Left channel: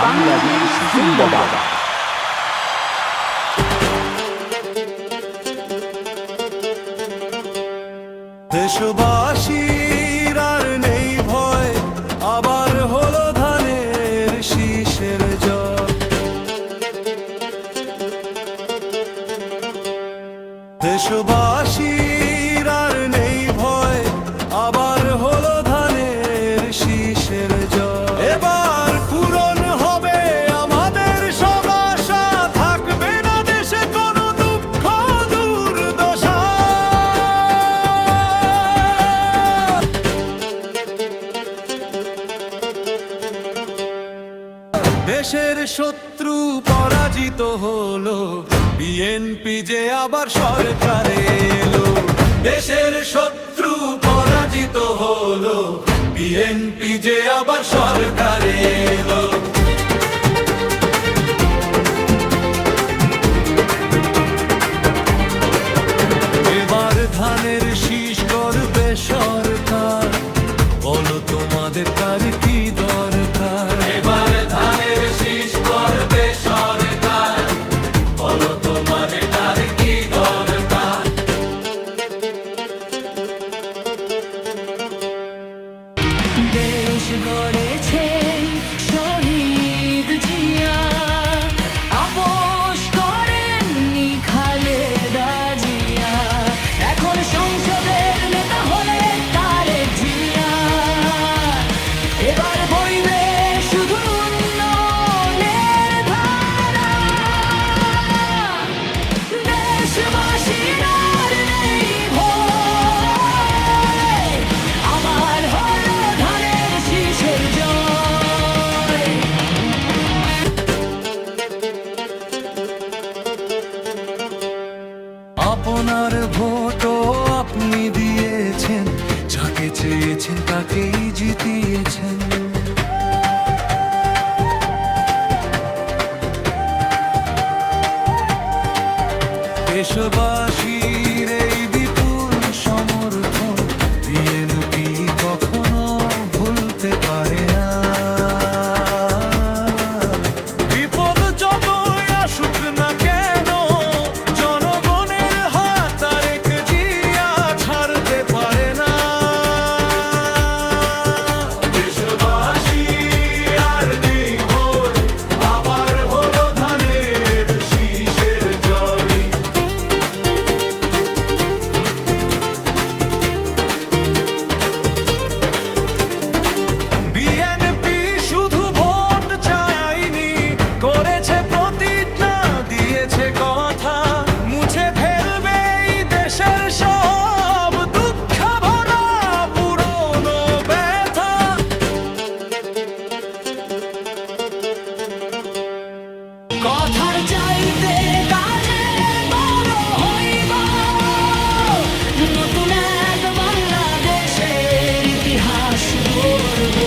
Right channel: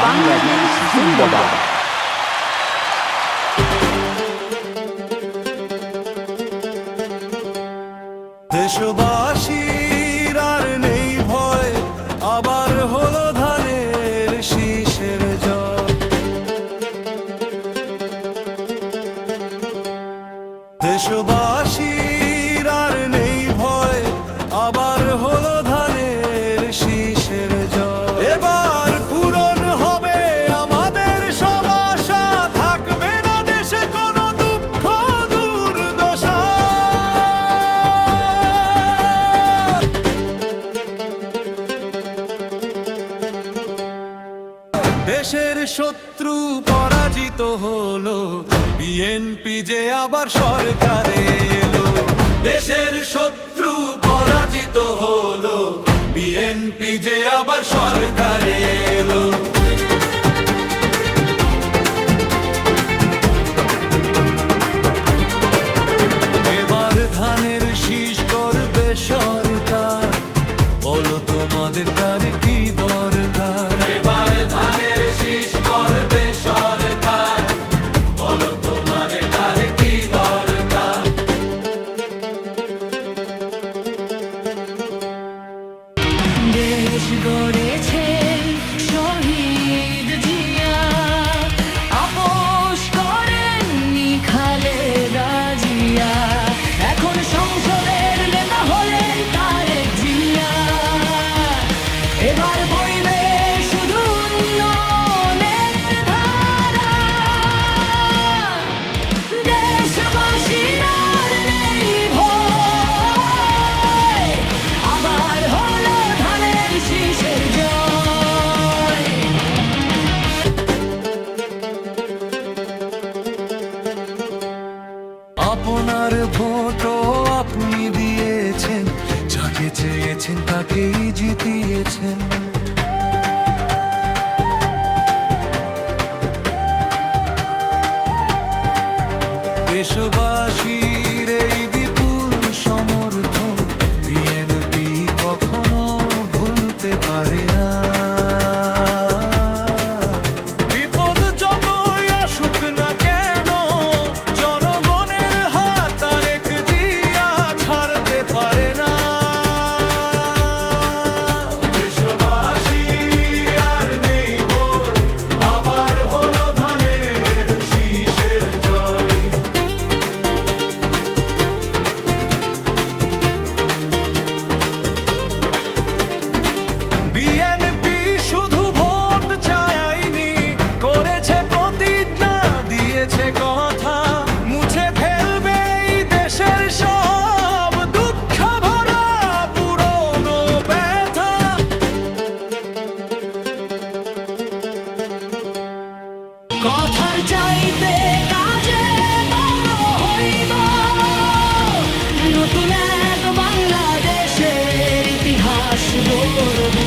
বাংলাদেশ জিন্দাবাদ। দেশবাসীর আর নেই ভয়, আবার হলো ধানের শীষের জয়। দেশবাসীর আর নেই ভয়, আবার হলো ধানের শীষের জয়। এবার পূরণ হবে আমাদের সব আশা, থাকবে না দেশে কোনো দুঃখ দুর্দশা। দেশের শত্রু পরাজিত হলো, বিএনপি যে আবার সরকারে এলো। দেশের শত্রু পরাজিত হলো, বিএনপি যে আবার সরকারে এলো। এবার ধানের শীষ করবে সরকার, বলো তোমাদের কার কি দরকার। এবার ধানের শীষ করবে সরকার, বলো তোমাদের কার কি দরকার। দেশ গড়েছেন শহীদ জিয়া, আপোষ করেননি খালেদা জিয়া। এখন সংসদের নেতা হলেন তারেক জিয়া। এবার বইবে শুধু উন্নয়নের ধারা, দেশবাসীর আর নেই ভয়, আবার হলো ধানের শীষের জয়। আপনার ভোটও আপনি দিয়েছেন, যাকে চেয়েছেন তাকেই জিতিয়েছেন। দেশবাসীর এই বিপুল সমর্থন বিএনপি কখনো ভুলতে পারে না। বিপদ যতই আসুক না কেন, জনগণের হাত তারেক জিয়া ছাড়তে পারে না। দেশবাসী আর নেই ভয়, আবার হলো ধানের শীষের জয়। বিএনপি শুধু ভোট চায়নি, করেছে প্রতিজ্ঞা, দিয়েছে কথা, মুছে ফেলবে এই দেশের সব দুঃখ ভরা পুরনো ব্যথা। কথার চাইতে কাজে বড় হইব, নতুন এক বাংলাদেশের ইতিহাস গড়ব।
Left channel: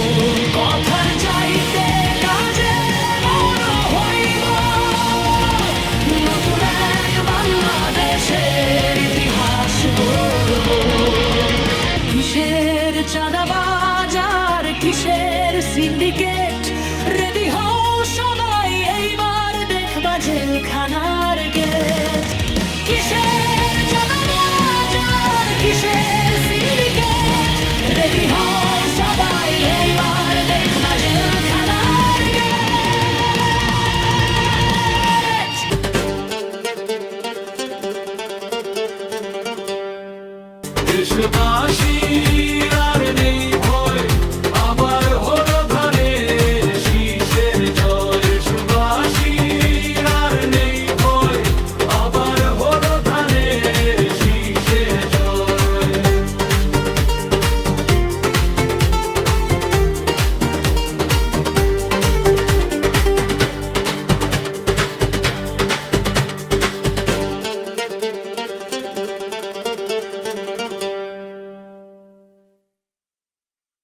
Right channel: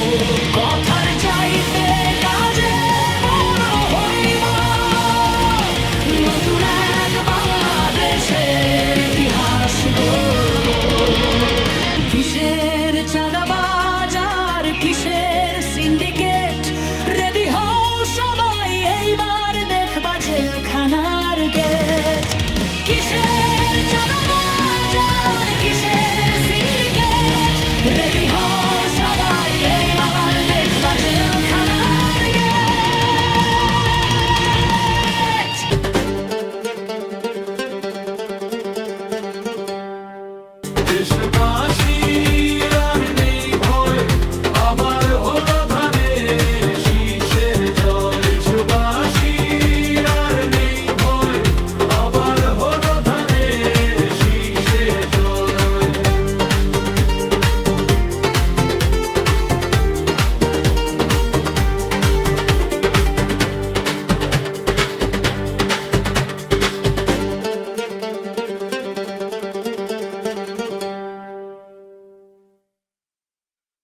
কথার চাইতে কাজে বড় হইব, নতুন এক বাংলাদেশের ইতিহাস গড়ব। কিসের চাঁদাবাজ আর কিসের সিন্ডিকেট, রেডি হও সবাই এইবার দেখবা জেলখানার গেট। কিসের চাঁদাবাজ আর কিসের সিন্ডিকেট, রেডি হও